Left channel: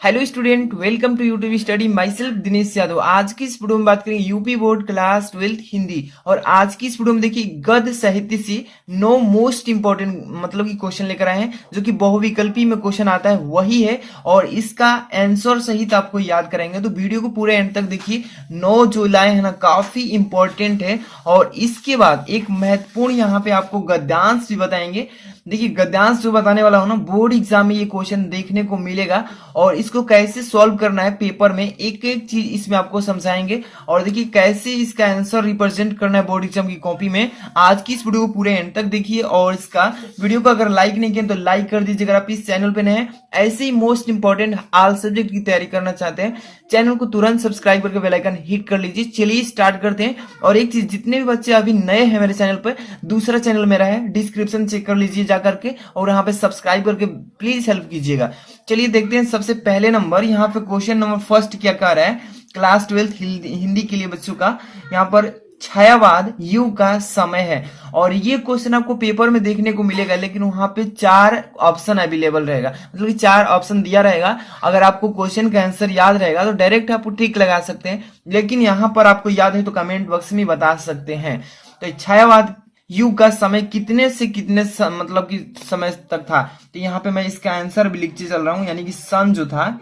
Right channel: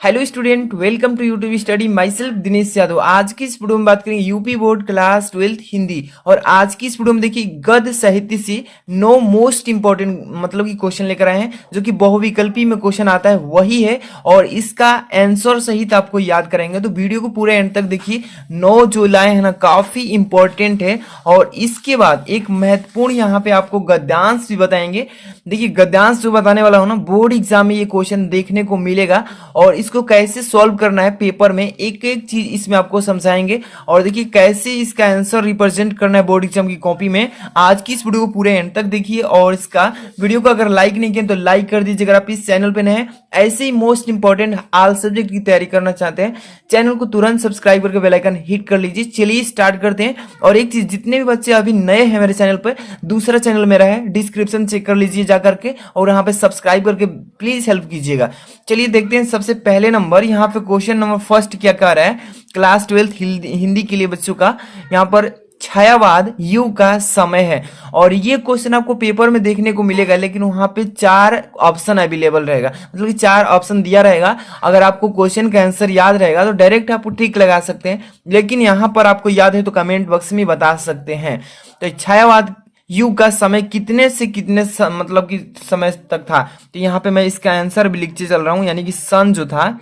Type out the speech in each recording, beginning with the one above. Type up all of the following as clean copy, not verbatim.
Hello student, welcome to YouTube study. Myself Dinesh Yadav. आज की इस वीडियो में बात करेंगे UP board class 12th Hindi. और आज की इस वीडियो में देखिए गद्य साहित्य से 9 मोस्ट इंपॉर्टेंट मतलब कि क्वेश्चन लेकर आए हैं, जो कि बहुविकल्पी में क्वेश्चन आता है वही है, और इसका आंसर सहित आपको याद कराएंगे। तो वीडियो को पूरे एंड तक देखिए। 9 जो लाए हैं ना, काफी इंपॉर्टेंट है। और इसके बाद एक महत्वपूर्ण यहाँ पे आपको गद्यांश भी बताएंगे। देखिए गद्यांश जो बताने वाला हूं ना, बोर्ड एग्जाम में ये क्वेश्चन देखने को मिलेगा, और इसको कैसे सॉल्व करना है पेपर में, एक एक चीज इसमें आपको समझाएंगे। और देखिए कैसे इसका आंसर रिप्रेजेंट करना है बोर्ड एग्जाम की कॉपी में। आज की इस वीडियो को पूरे एंड तक देखिए, और इसका वीडियो को अगर लाइक नहीं किया तो लाइक कर दीजिए। अगर आप इस चैनल पे नए हैं, ऐसे ही मोस्ट इंपॉर्टेंट ऑल सब्जेक्ट की तैयारी करना चाहते हैं, चैनल को तुरंत सब्सक्राइब करके बेल आइकन हिट कर लीजिए। चलिए स्टार्ट करते हैं। और एक चीज, जितने भी बच्चे अभी नए हैं मेरे चैनल पर, दूसरा चैनल मेरा है, डिस्क्रिप्शन चेक कर लीजिए जाकर के, और यहाँ पे सब्सक्राइब करके प्लीज हेल्प कीजिएगा। चलिए देखते हैं। सबसे पहले नंबर यहाँ पे क्वेश्चन नंबर फर्स्ट क्या कह रहा है, क्लास 12th हिंदी के लिए बच्चों का। यहाँ पर छायावाद युग का समय है, और ये क्वेश्चन आपको पेपर में देखने को मिलेगा, लेकिन वहां पे 4 ऑप्शन अवेलेबल रहेगा, मतलब कि 4 ऑप्शन दिया रहेगा। अगर आपको क्वेश्चन का आंसर याद रहेगा तो डायरेक्ट आप टिक लगा सकते हैं, लेकिन यहाँ पर आपको याद है तो कमेंट बॉक्स में बता सकते हैं। तो छायावाद युग का समय कितने से कितने मतलब कि समय तक था। तो यहाँ पे मैं इसका आंसर भी लिखते चल रहा हूँ, यानी कि सन जो था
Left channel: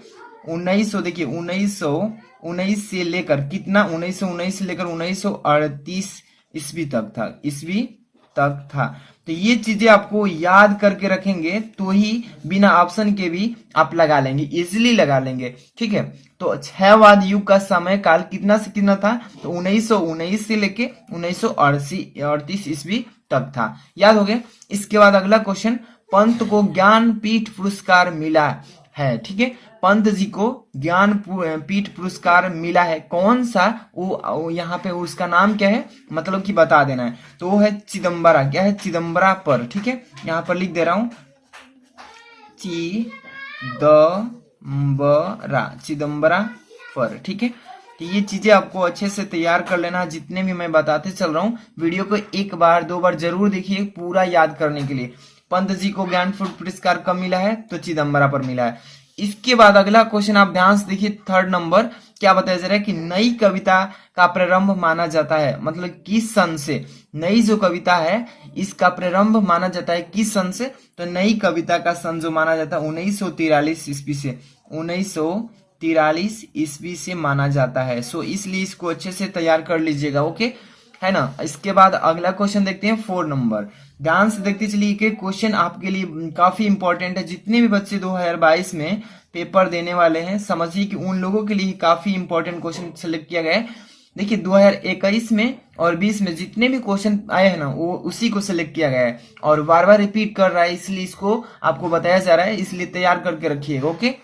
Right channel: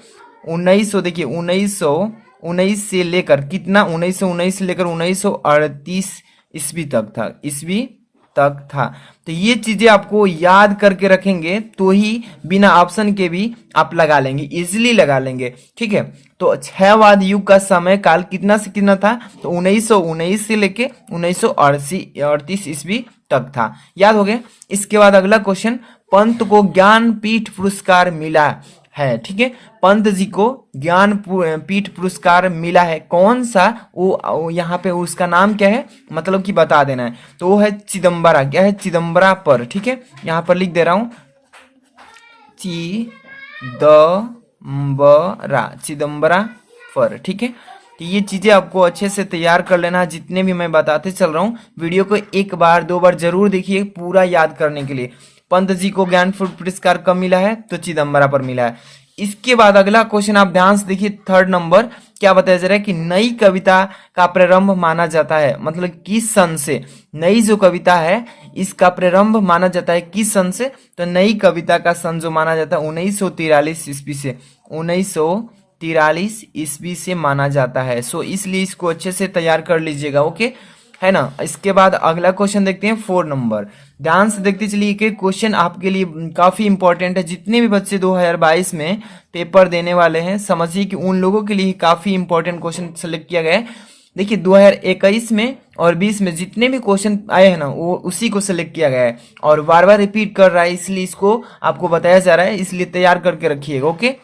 1900, देखिए 1919 से लेकर कितना, 1919 से लेकर 1938 ईस्वी तक था, ईस्वी तक था। तो ये चीजें आपको याद करके रखेंगे तो ही बिना ऑप्शन के भी आप लगा लेंगे, इजिली लगा लेंगे। ठीक है, तो छहवाद युग का समय काल कितना से कितना था, तो 1919 से लेके 1938 ईस्वी तक था। याद हो गया। इसके बाद अगला क्वेश्चन, पंत को ज्ञानपीठ पुरस्कार मिला है। ठीक है, पंत जी को ज्ञान पीठ पुरस्कार मिला है, कौन सा, वो यहाँ पे उसका नाम क्या है, मतलब कि बता देना है। तो वो है चिदम्बरा। क्या है, चिदम्बरा पर। ठीक है, यहाँ पर लिख दे रहा हूं, चिदम्बरा पर। ठीक है, तो ये चीजें आपको अच्छे से तैयार कर लेना है, जितने भी मैं बताते चल रहा हूँ। वीडियो को एक बार 2 बार जरूर देखिए पूरा याद करने के लिए। पंत जी को ज्ञानपीठ पुरस्कार कब मिला है, तो चिदम्बरा पर मिला है। इसके बाद अगला क्वेश्चन आप ध्यान से देखिए, थर्ड नंबर क्या बताया जा रहा है कि नई कविता का प्रारंभ माना जाता है, मतलब किस सन से। नई जो कविता है इसका प्रारंभ माना जाता है किस सन से, तो नई कविता का सन जो माना जाता है 1943 ईस्वी से, 1943 ईस्वी से माना जाता है। सो इसलिए इसको अच्छे से तैयार कर लीजिएगा। ओके है ना। इसके बाद अगला क्वेश्चन देखते हैं 4 नंबर। ध्यान से देखते चलिए कि क्वेश्चन आपके लिए काफी इंपॉर्टेंट है। जितने भी बच्चे 2022 में पेपर देने वाले हैं, समझिए कि उन लोगों के लिए काफी इंपॉर्टेंट क्वेश्चन सेलेक्ट किया गया है। देखिए 2021 में और 20 में जितने भी क्वेश्चन आए हैं ना, वो उसी को सिलेक्ट किया गया है, और बार बार रिपीट कर रहा है, इसलिए इसको आपको बताया जा रहा है, इसलिए तैयार करके रखिएगा। ओके,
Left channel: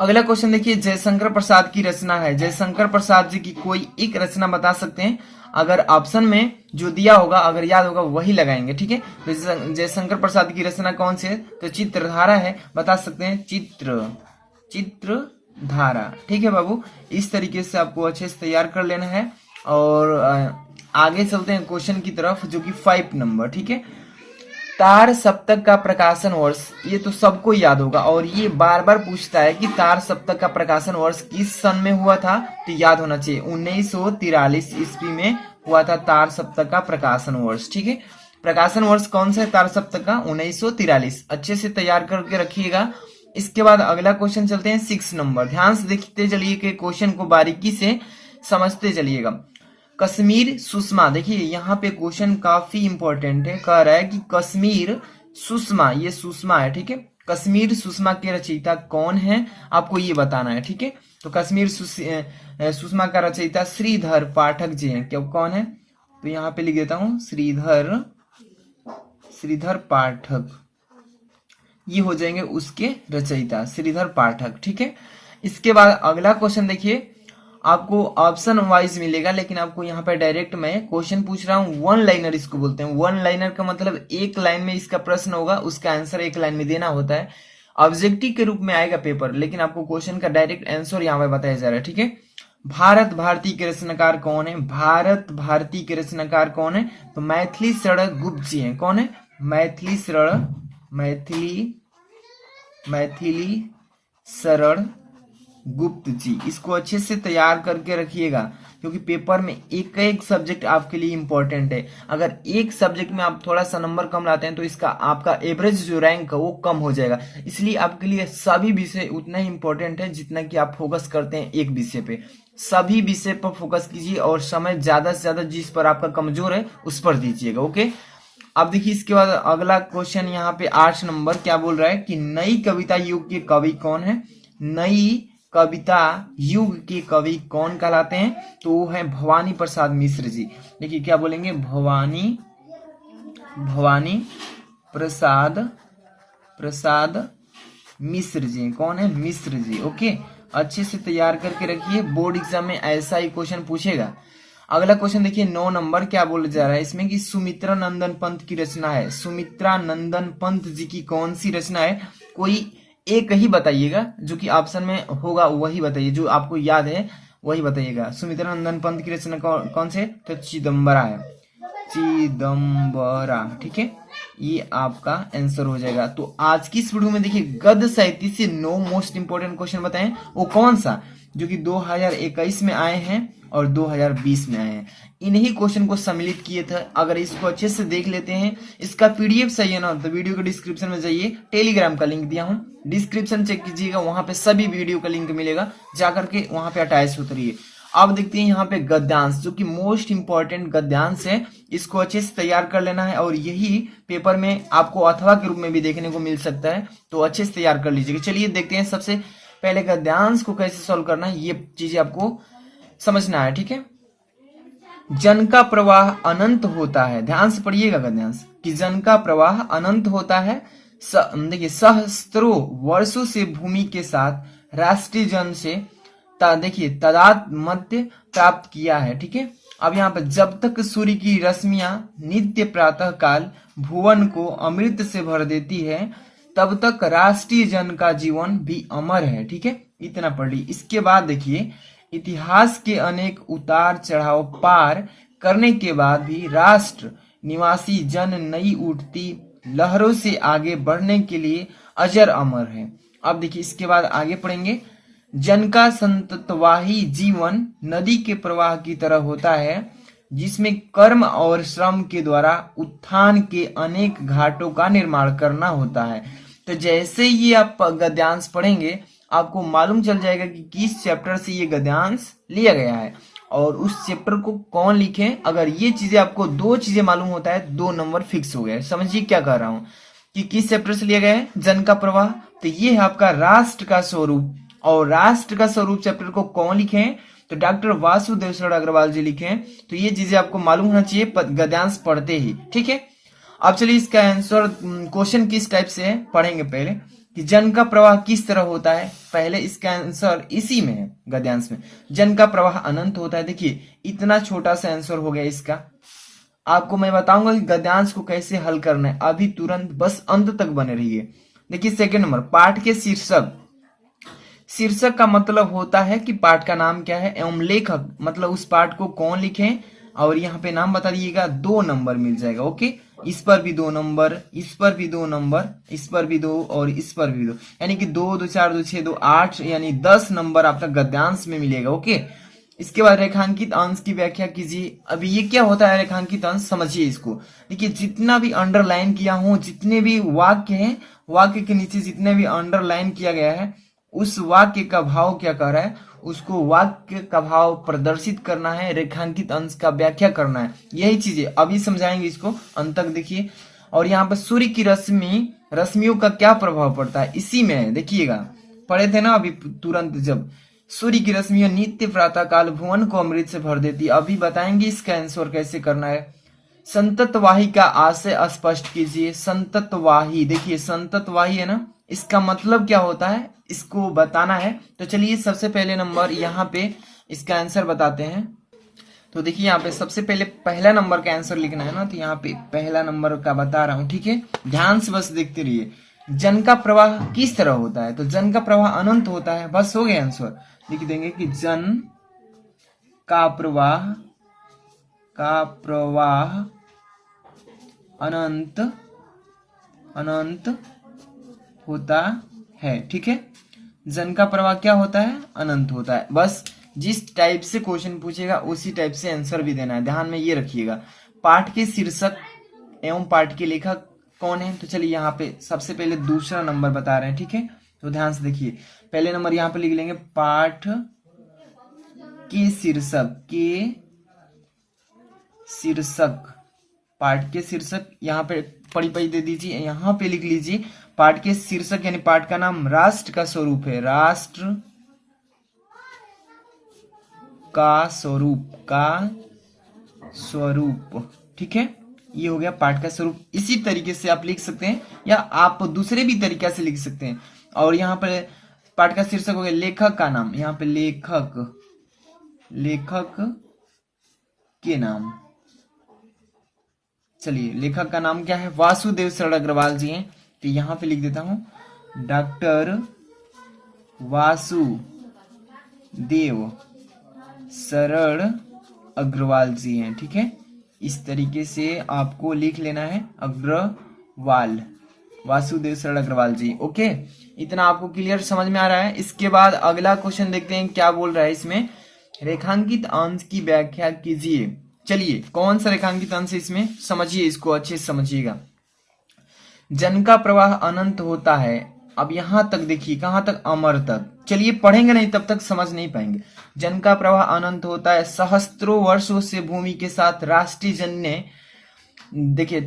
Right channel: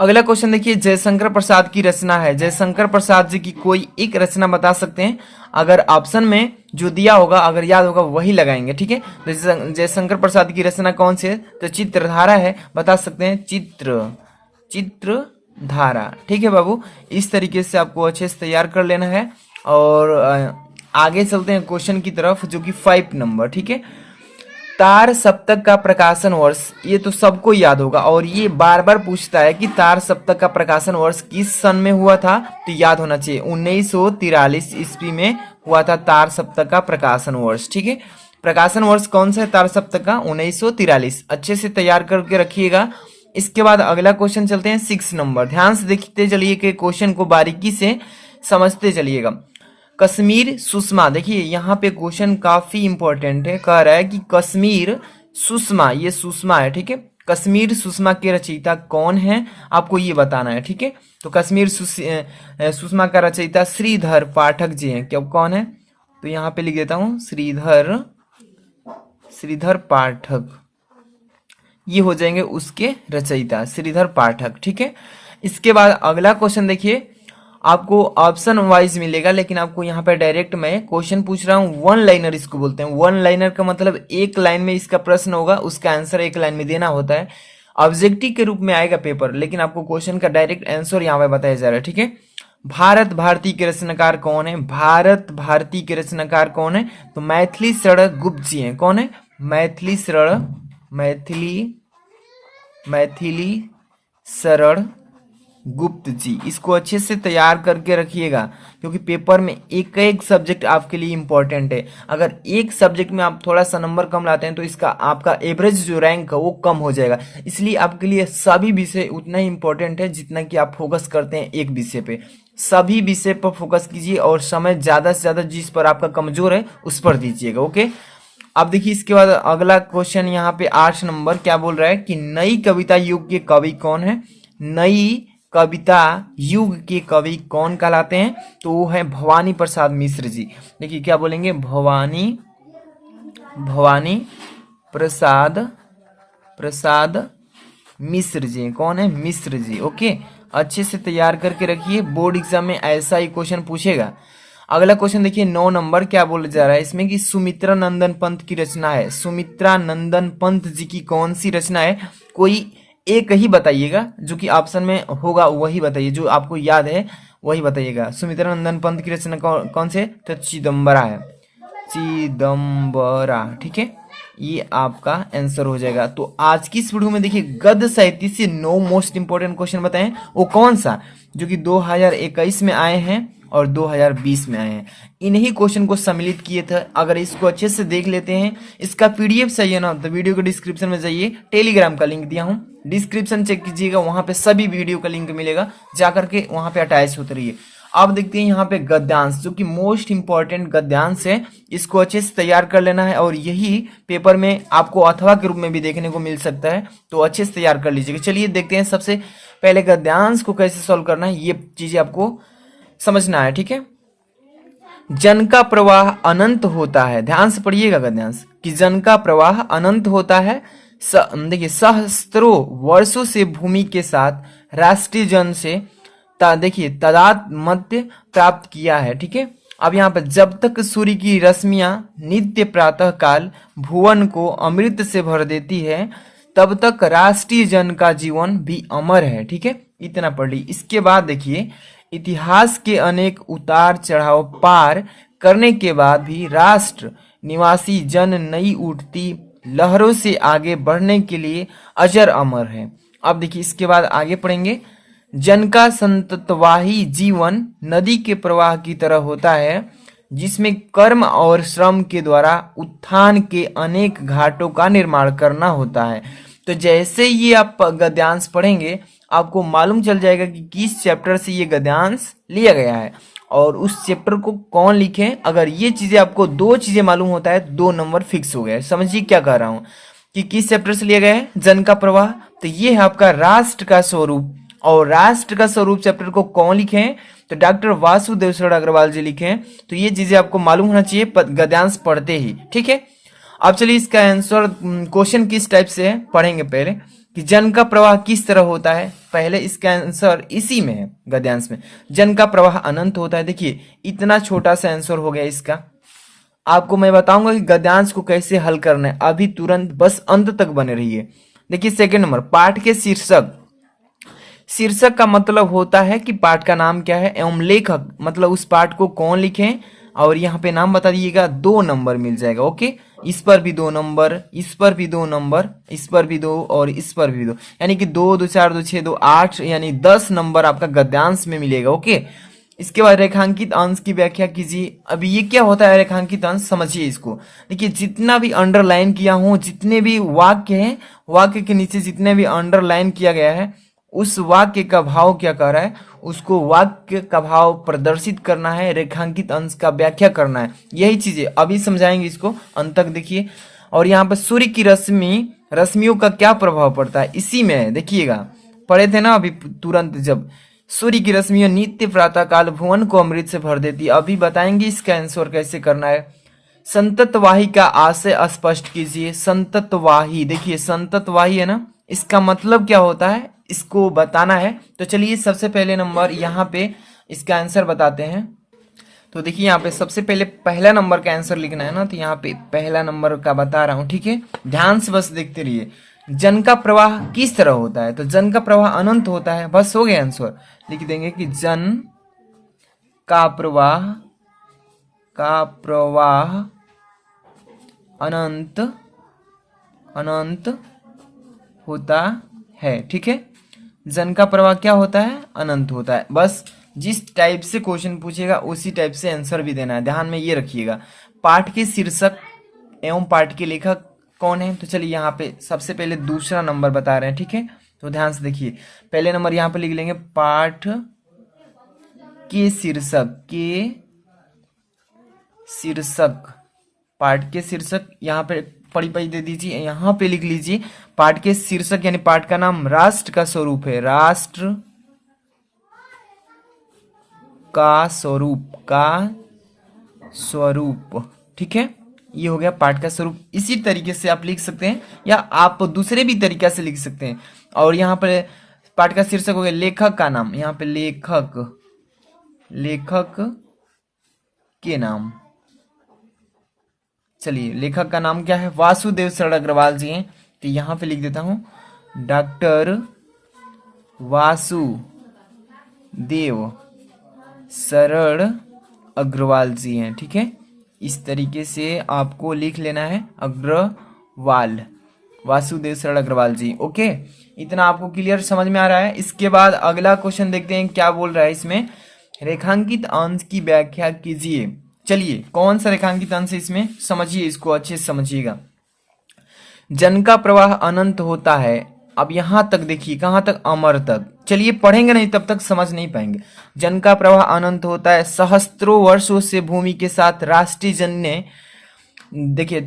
अगला क्वेश्चन देखिए, जयशंकर प्रसाद की रचना है। जयशंकर प्रसाद जी की कोई एक रचना बता सकते हैं। अगर ऑप्शन में जो दिया होगा, अगर याद होगा वही लगाएंगे। ठीक है, तो जयशंकर प्रसाद की रचना कौन सी है, तो चित्रधारा है, बता सकते हैं चित्रधारा। ठीक है बाबू, इस तरीके से आपको अच्छे से तैयार कर लेना है। और आगे चलते हैं क्वेश्चन की तरफ, जो कि 5 नंबर। ठीक है, तार सप्तक का प्रकाशन वर्ष, ये तो सबको याद होगा, और ये बार बार पूछता है कि तार सप्तक का प्रकाशन वर्ष किस सन में हुआ था, तो याद होना चाहिए 1943 ईस्वी में हुआ था तार सप्तक का प्रकाशन वर्ष। ठीक है, प्रकाशन वर्ष कौन सा है तार सप्तक का, 1943। अच्छे से तैयार करके रखिएगा। इसके बाद अगला क्वेश्चन चलते हैं 6 नंबर। ध्यान से देखते चलिए कि क्वेश्चन को बारीकी से समझते चलिएगा। कश्मीर सुषमा, देखिए यहाँ पे क्वेश्चन काफी इंपॉर्टेंट है। कह रहा है कि कश्मीर सुषमा, ये सुषमा है। ठीक है, कश्मीर सुषमा के रचयिता कौन है, आपको ये बताना है। ठीक है, तो कश्मीर सुषमा का रचयिता श्रीधर पाठक जी हैं। क्या कौन है, तो यहाँ पे लिख देता हूं, श्रीधर पाठक, ये हो जाएंगे उसके रचयिता, श्रीधर पाठक। ठीक है, इसके बाद अगला क्वेश्चन देखिए, आपको ऑप्शन वाइज मिलेगा, लेकिन आपको यहाँ पे डायरेक्ट मैं क्वेश्चन पूछ रहा हूँ। वन लाइनर इसको बोलते हैं। वन लाइनर का मतलब एक लाइन में इसका प्रश्न होगा, उसका आंसर एक लाइन में देना होता है। ऑब्जेक्टिव के रूप में आएगा पेपर, लेकिन आपको क्वेश्चन का डायरेक्ट आंसर यहाँ पे बताया जा रहा है। ठीक है, भारत भारती के रचनाकार कौन है, भारत भारती के रचनाकार कौन है, तो मैथिली शरण गुप्त जी हैं। कौन है, मैथिली शरण गुप्त जी। इसको अच्छे से तैयार करके रखिएगा, क्योंकि पेपर में एक एक सब्जेक्ट आपके लिए इंपॉर्टेंट है। अगर एक सब्जेक्ट में आप थोड़ा सा नंबर कम लाते हैं तो इसका आपका एवरेज जो रैंक है वो कम हो जाएगा। इसलिए आपके लिए सभी विषय उतना ही इंपॉर्टेंट है जितना कि आप फोकस करते हैं एक विषय पे। सभी विषय पर फोकस कीजिए और समय ज्यादा से ज्यादा जिस पर आपका कमजोर है उस पर दीजिएगा। ओके, अब देखिए इसके बाद अगला क्वेश्चन यहाँ पे 8 नंबर क्या बोल रहा है कि नई कविता युग के कवि कौन है। नई कविता युग के कवि कौन कहलाते हैं, तो वो है भवानी प्रसाद मिश्र जी। देखिए क्या बोलेंगे, भवानी प्रसाद प्रसाद मिश्र जी। कौन है, मिश्र जी। ओके, अच्छे से तैयार करके रखिए, बोर्ड एग्जाम में ऐसा ही क्वेश्चन पूछेगा। अगला क्वेश्चन देखिए 9 नंबर क्या बोला जा रहा है इसमें कि सुमित्रा नंदन पंत की रचना है। सुमित्रा नंदन पंत जी की कौन सी रचना है, कोई एक ही बताइएगा, जो कि ऑप्शन में होगा वही बताइए, जो आपको याद है वही बताइएगा। सुमित्रा नंदन पंत की रचना कौन से, तो चिदम्बरा है, चिदम्बरा। ठीक है, ये आपका आंसर हो जाएगा। तो आज की इस वीडियो में देखिए गद्य साहित्य से 9 मोस्ट इंपोर्टेंट क्वेश्चन बताएं, वो कौन सा, जो कि 2021 में आए हैं और 2020 में आए हैं। इन्हीं क्वेश्चन को सम्मिलित किए थे। अगर इसको अच्छे से देख लेते हैं, इसका पीडीएफ चाहिए ना, तो वीडियो के डिस्क्रिप्शन में जाइए, टेलीग्राम का लिंक दिया हूं, डिस्क्रिप्शन चेक कीजिएगा, वहां पे सभी वीडियो का लिंक मिलेगा, जाकर के वहां पे अटैच होते रहिए। अब देखते हैं यहाँ पे गद्यांश, जो कि मोस्ट इंपॉर्टेंट गद्यांश है। इसको अच्छे से तैयार कर लेना है और यही पेपर में आपको अथवा के रूप में भी देखने को मिल सकता है, तो अच्छे से तैयार कर लीजिएगा। चलिए देखते हैं सबसे पहले गद्यांश को कैसे सॉल्व करना है, ये चीजें आपको समझना है। ठीक है, जन का प्रवाह अनंत होता है, ध्यान से पढ़िएगा गद्यांश, कि जन का प्रवाह अनंत होता है। देखिए सहस्त्रों वर्षों से भूमि के साथ राष्ट्रीय जन से देखिए तादात्म्य प्राप्त किया है। ठीक है, अब यहाँ पर जब तक सूर्य की रश्मियां नित्य प्रातः काल भुवन को अमृत से भर देती है, तब तक राष्ट्रीय जन का जीवन भी अमर है। ठीक है, इतना पढ़ ली। इसके बाद देखिए इतिहास के अनेक उतार चढ़ाव पार करने के बाद भी राष्ट्र निवासी जन नई उठती लहरों से आगे बढ़ने के लिए अजर अमर है। अब देखिए इसके बाद आगे पढ़ेंगे, जन का संततवाही जीवन नदी के प्रवाह की तरह होता है, जिसमें कर्म और श्रम के द्वारा उत्थान के अनेक घाटों का निर्माण करना होता है। तो जैसे ही आप गद्यांश पढ़ेंगे आपको मालूम चल जाएगा कि किस चैप्टर से ये गद्यांश लिया गया है और उस चैप्टर को कौन लिखे। अगर ये चीजें आपको 2 चीजें मालूम होता है, 2 नंबर फिक्स हो गया है। समझिए क्या कह रहा हूं, कि किस चैप्टर से लिया गया है, जन का प्रवाह, तो ये है आपका राष्ट्र का स्वरूप। और राष्ट्र का स्वरूप चैप्टर को कौन लिखे हैं, तो डॉक्टर वासुदेव शरण अग्रवाल जी लिखे हैं। तो ये चीजें आपको मालूम होना चाहिए गद्यांश पढ़ते ही। ठीक है, अब चलिए इसका आंसर क्वेश्चन किस टाइप से है पढ़ेंगे। पहले कि जन का प्रवाह किस तरह होता है, पहले इसका आंसर इसी में है गद्यांश में, जन का प्रवाह अनंत होता है। देखिए इतना छोटा सा आंसर हो गया इसका। आपको मैं बताऊंगा कि गद्यांश को कैसे हल करना है, अभी तुरंत बस अंत तक बने रहिए। देखिए सेकंड नंबर, पाठ के शीर्षक। शीर्षक का मतलब होता है कि पाठ का नाम क्या है, एवं लेखक मतलब उस पाठ को कौन लिखे, और यहाँ पे नाम बता दीजिएगा, 2 नंबर मिल जाएगा। ओके, इस पर भी 2 नंबर, इस पर भी 2 नंबर, इस पर भी 2 और इस पर भी 2, यानी कि 2 2 4 2 6 2 8, यानी 10 नंबर आपका गद्यांश में मिलेगा। ओके, इसके बाद रेखांकित अंश की व्याख्या कीजिए। अभी ये क्या होता है रेखांकित अंश, समझिए इसको। देखिए जितना भी अंडरलाइन किया हूं, जितने भी वाक्य हैं, वाक्य के नीचे जितने भी अंडरलाइन किया गया है, उस वाक्य का भाव क्या कर रहा है, उसको वाक्य का भाव प्रदर्शित करना है, रेखांकित अंश का व्याख्या करना है। यही चीजें अभी समझाएंगे, इसको अंत तक देखिए। और यहाँ पर सूर्य की रश्मियों का क्या प्रभाव पड़ता है, इसी में है, देखिएगा पढ़े थे ना अभी तुरंत, जब सूर्य की रश्मियां नित्य प्रातः काल भुवन को अमृत से भर देती। अभी बताएंगे इसका आंसर कैसे करना है। संततवाही का आशय स्पष्ट कीजिए। संततवाही, देखिए संततवाही है ना, इसका मतलब क्या होता है इसको बताना है। तो चलिए सबसे पहले नंबर यहाँ पे इसका आंसर बताते हैं। तो देखिए यहाँ पे सबसे पहले पहला नंबर का आंसर लिखना है ना, तो यहाँ पे पहला नंबर का बता रहा हूँ। ठीक है, ध्यान से बस देखते रहिए। जन का प्रवाह किस तरह होता है, तो जन का प्रवाह अनंत होता है, बस हो गया आंसर। लिख देंगे कि जन का प्रवाह अनंत होता है। ठीक है, जन का प्रवाह क्या होता है, अनंत होता है। बस जिस टाइप से क्वेश्चन पूछेगा उसी टाइप से आंसर भी देना है, ध्यान में ये रखिएगा। पाठ के शीर्षक एवं पाठ के लेखक कौन है, तो चलिए यहाँ पे सबसे पहले दूसरा नंबर बता रहे हैं, ठीक है। तो ध्यान से देखिए, पहले नंबर यहाँ पे लिख लेंगे पाठ के शीर्षक, पाठ के शीर्षक यहाँ पे पढ़ी पढ़ी दे दीजिए, यहाँ पे लिख लीजिए पाठ के शीर्षक यानी पाठ का नाम राष्ट्र का स्वरूप है, राष्ट्र का स्वरूप, ठीक है। ये हो गया पाठ का स्वरूप। इसी तरीके से आप लिख सकते हैं या आप दूसरे भी तरीका से लिख सकते हैं। और यहाँ पर पाठ का शीर्षक हो गया लेखक का नाम, यहाँ पे लेखक के नाम, चलिए लेखक का नाम क्या है, वासुदेव शरण अग्रवाल जी हैं, तो यहाँ पे लिख देता हूं डॉक्टर वासुदेव शरण अग्रवाल जी हैं, ठीक है। इस तरीके से आपको लिख लेना है, अग्रवाल, वासुदेव शरण अग्रवाल जी, ओके। इतना आपको क्लियर समझ में आ रहा है। इसके बाद अगला क्वेश्चन देखते हैं क्या बोल रहा है इसमें, रेखांकित अंश की व्याख्या कीजिए। चलिए कौन सा रेखांकित अंश है इसमें, समझिए, इसको अच्छे से समझिएगा। जन का प्रवाह अनंत होता है, अब यहां तक देखिए, कहां तक, अमर तक। चलिए पढ़ेंगे नहीं तब तक समझ नहीं पाएंगे। जन का प्रवाह अनंत होता है, सहस्त्रों वर्षों से भूमि के साथ राष्ट्रीय जन ने देखिए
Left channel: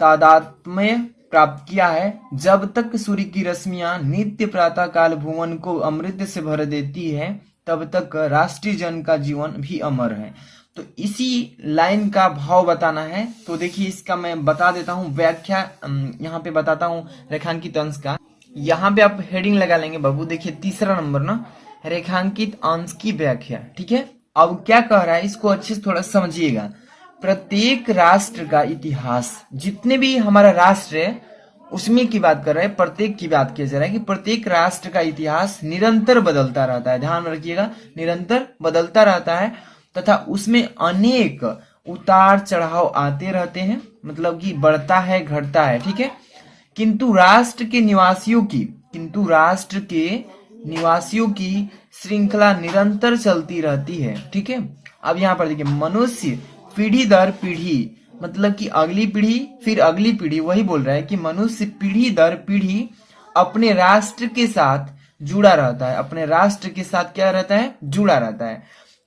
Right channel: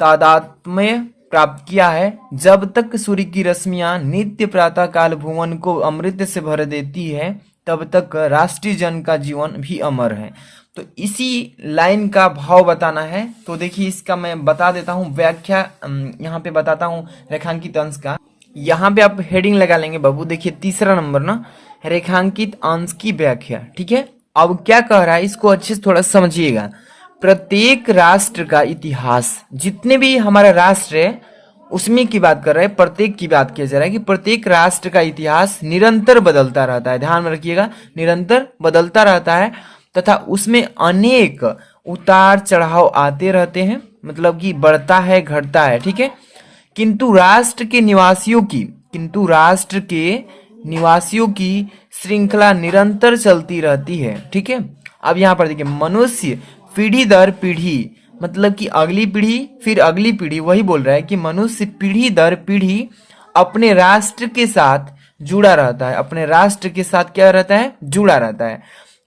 तादात्म्य प्राप्त किया है। जब तक सूर्य की रश्मियां नित्य प्रातः काल भुवन को अमृत से भर देती है, तब तक राष्ट्रीय जन का जीवन भी अमर है। तो इसी लाइन का भाव बताना है। तो देखिए इसका मैं बता देता हूँ व्याख्या, यहाँ पे बताता हूँ रेखांकित अंश का। यहाँ पे आप हेडिंग लगा लेंगे बाबू, देखिए तीसरा नंबर ना, रेखांकित अंश की व्याख्या, ठीक है। अब क्या कह रहा है इसको अच्छे से थोड़ा समझिएगा। प्रत्येक राष्ट्र का इतिहास, जितने भी हमारा राष्ट्र है उसमें की बात कर रहे हैं, प्रत्येक की बात किया जा रहा है कि प्रत्येक राष्ट्र का इतिहास निरंतर बदलता रहता है, ध्यान में रखिएगा, निरंतर बदलता रहता है तथा उसमें अनेक उतार चढ़ाव आते रहते हैं, मतलब कि बढ़ता है घटता है, ठीक है। किंतु राष्ट्र के निवासियों की श्रृंखला निरंतर चलती रहती है, ठीक है। अब यहाँ पर देखिए, मनुष्य पीढ़ी दर पीढ़ी, मतलब कि अगली पीढ़ी फिर अगली पीढ़ी, वही बोल रहा है कि मनुष्य पीढ़ी दर पीढ़ी अपने राष्ट्र के साथ जुड़ा रहता है, अपने राष्ट्र के साथ क्या रहता है, जुड़ा रहता है।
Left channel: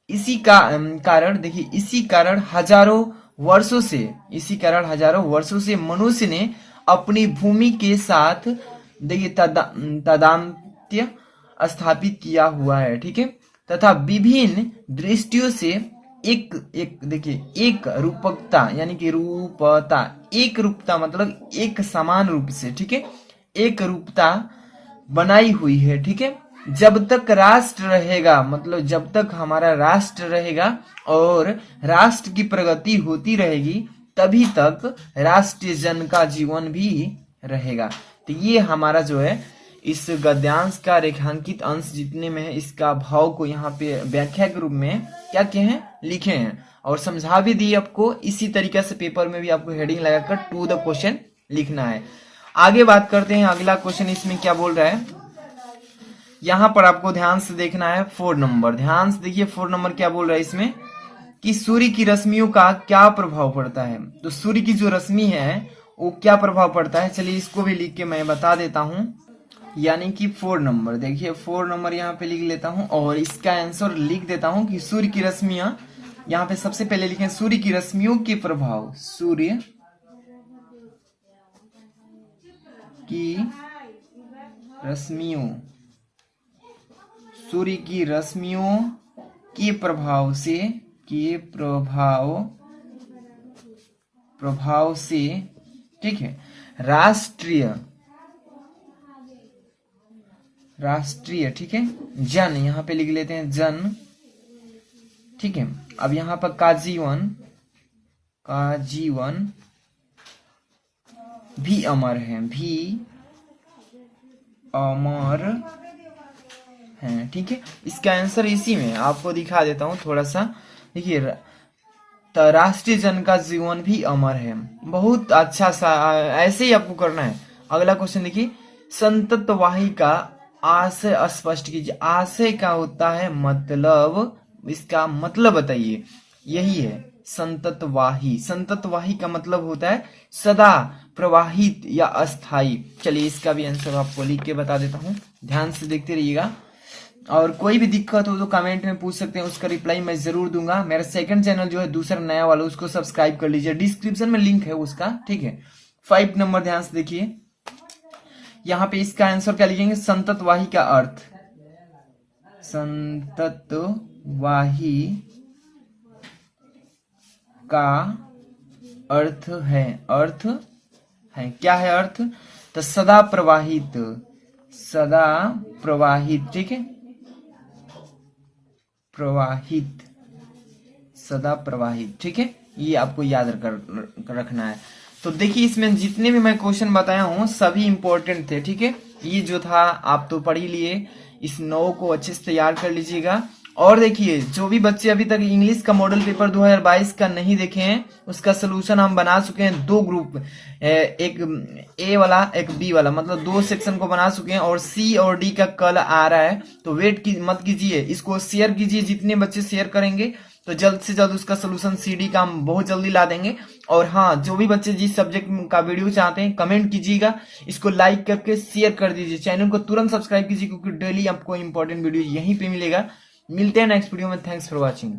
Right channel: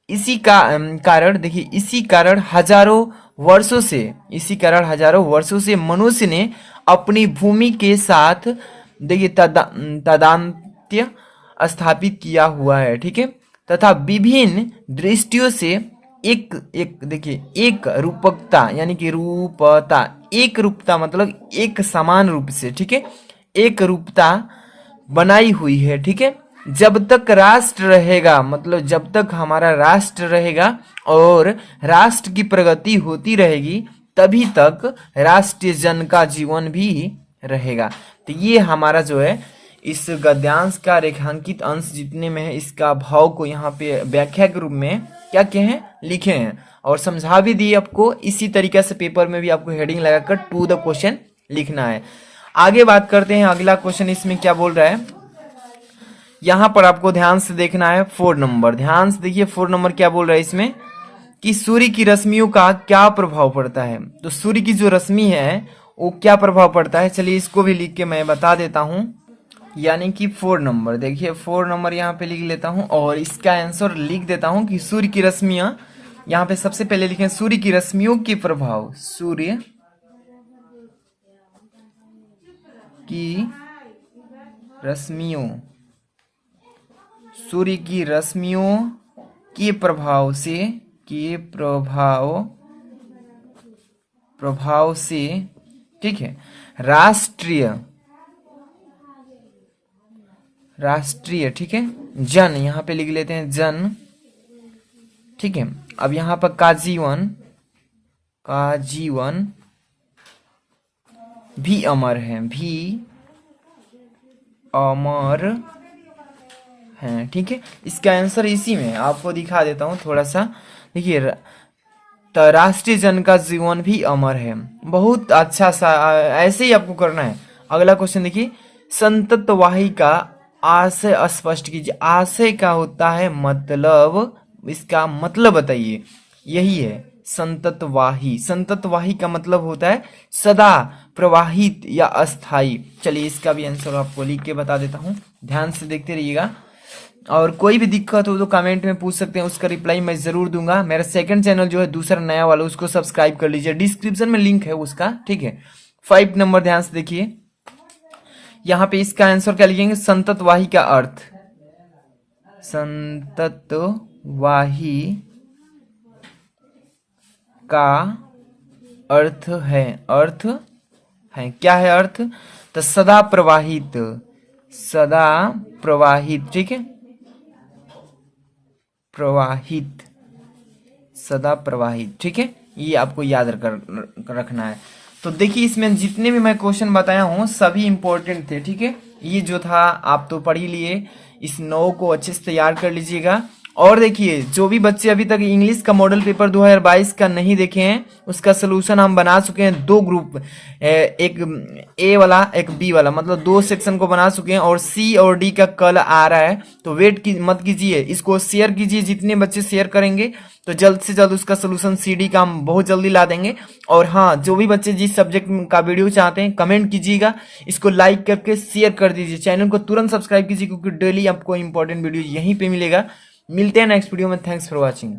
इसी का कारण देखिए, इसी कारण हजारों वर्षों से मनुष्य ने अपनी भूमि के साथ देखिए तादात्म्य स्थापित किया हुआ है, ठीक है, तथा विभिन्न दृष्टियों से एक रूपकता, यानी कि एक रूपता मतलब एक समान रूप से, ठीक है, एक रूपता बनाई हुई है, ठीक है। जब तक राष्ट्र रहेगा, मतलब जब तक हमारा राष्ट्र रहेगा और राष्ट्र की प्रगति होती रहेगी, तभी तक राष्ट्रीय जन का जीवन भी रहेगा। तो ये हमारा जो है इस गद्यांश का रेखांकित अंश जितने में है, इसका भाव को यहाँ पे व्याख्या के रूप में क्या कहे हैं, लिखे हैं और समझा भी दिए आपको। इसी तरीके से पेपर में भी आपको हेडिंग लगाकर टू द क्वेश्चन लिखना है। आगे बात करते हैं, अगला क्वेश्चन इसमें क्या बोल रहा है, यहाँ पर आपको ध्यान से देखना है 4 नंबर। ध्यान से देखिए 4 नंबर क्या बोल रहा है इसमें, कि सूर्य की रश्मियों का क्या प्रभाव पड़ता है। तो सूर्य की जो रश्मि है वो क्या प्रभाव पड़ता है, चलिए इसको भी लिख के मैं बता देता हूं। यानी कि 4 नंबर, देखिए 4 नंबर यहाँ पे लिख लेता हूं और इसका आंसर लिख देता हूं कि सूर्य की रश्मियां, यहाँ पे सबसे पहले लिखे सूर्य की रश्मियों के प्रभाव, सूर्य की रश्मियों के प्रभाव से, ठीक है, राष्ट्रीय, ठीक है, जन, यहाँ पे लिख लेते हैं जन, ठीक है। अब यहाँ पर का जीवन भी अमर है, ठीक है। इसका आंसर इसी में आपको दिखा देता हूं थोड़ा सा, देखिए राष्ट्रीय जन का जीवन भी अमर है, बहुत अच्छा सा, ऐसे ही आपको करना है। अगला क्वेश्चन देखिए, संतत वाहिका आशय स्पष्ट कीजिए। आशय क्या होता है, मतलब, इसका मतलब बताइए। यही है संततवाही। संततवाही का मतलब होता है सदा प्रवाहित या अस्थाई। चलिए इसका भी आंसर आपको लिख के बता देता हूँ, ध्यान से देखते रहिएगा। और कोई भी दिक्कत हो तो कमेंट में पूछ सकते हैं, उसका रिप्लाई मैं जरूर दूंगा। मेरा सेकंड चैनल जो है दूसरा नया वाला, उसको सब्सक्राइब कर लीजिए, डिस्क्रिप्शन में लिंक है उसका, ठीक है। 5 नंबर ध्यान से देखिए, यहाँ पे इसका आंसर क्या लिखेंगे, संततवाही का अर्थ। संततवाही का अर्थ है, अर्थ है, क्या है अर्थ, तो सदा प्रवाहित, सदा प्रवाहित, ठीक है, प्रवाहित, सदा प्रवाहित, ठीक है। ये आपको याद रखना है। तो देखिए इसमें जितने भी मैं क्वेश्चन बताया हूँ सभी इंपॉर्टेंट थे, ठीक है। ये जो था आप तो पढ़ ही लिए, इस 9 को अच्छे से तैयार कर लीजिएगा। और देखिए जो भी बच्चे अभी तक इंग्लिश का मॉडल पेपर 2022 का नहीं देखे हैं, उसका सोल्यूशन हम बना चुके हैं, 2 ग्रुप, एक ए वाला एक बी वाला, मतलब 2 सेक्शन को बना चुके हैं। और सी और डी का कल आ रहा है, तो वेट मत कीजिए, इसको शेयर कीजिए। जितने बच्चे शेयर करेंगे तो जल्द से जल्द उसका सोल्यूशन सीडी का हम बहुत जल्दी ला देंगे। और हाँ, जो भी बच्चे जिस सब्जेक्ट का वीडियो चाहते हैं कमेंट कीजिएगा, इसको लाइक करके शेयर कर दीजिए, चैनल को तुरंत सब्सक्राइब कीजिए, क्योंकि डेली आपको इंपॉर्टेंट वीडियो यहीं पे मिलेगा। मिलते हैं नेक्स्ट वीडियो में, थैंक्स फॉर वॉचिंग।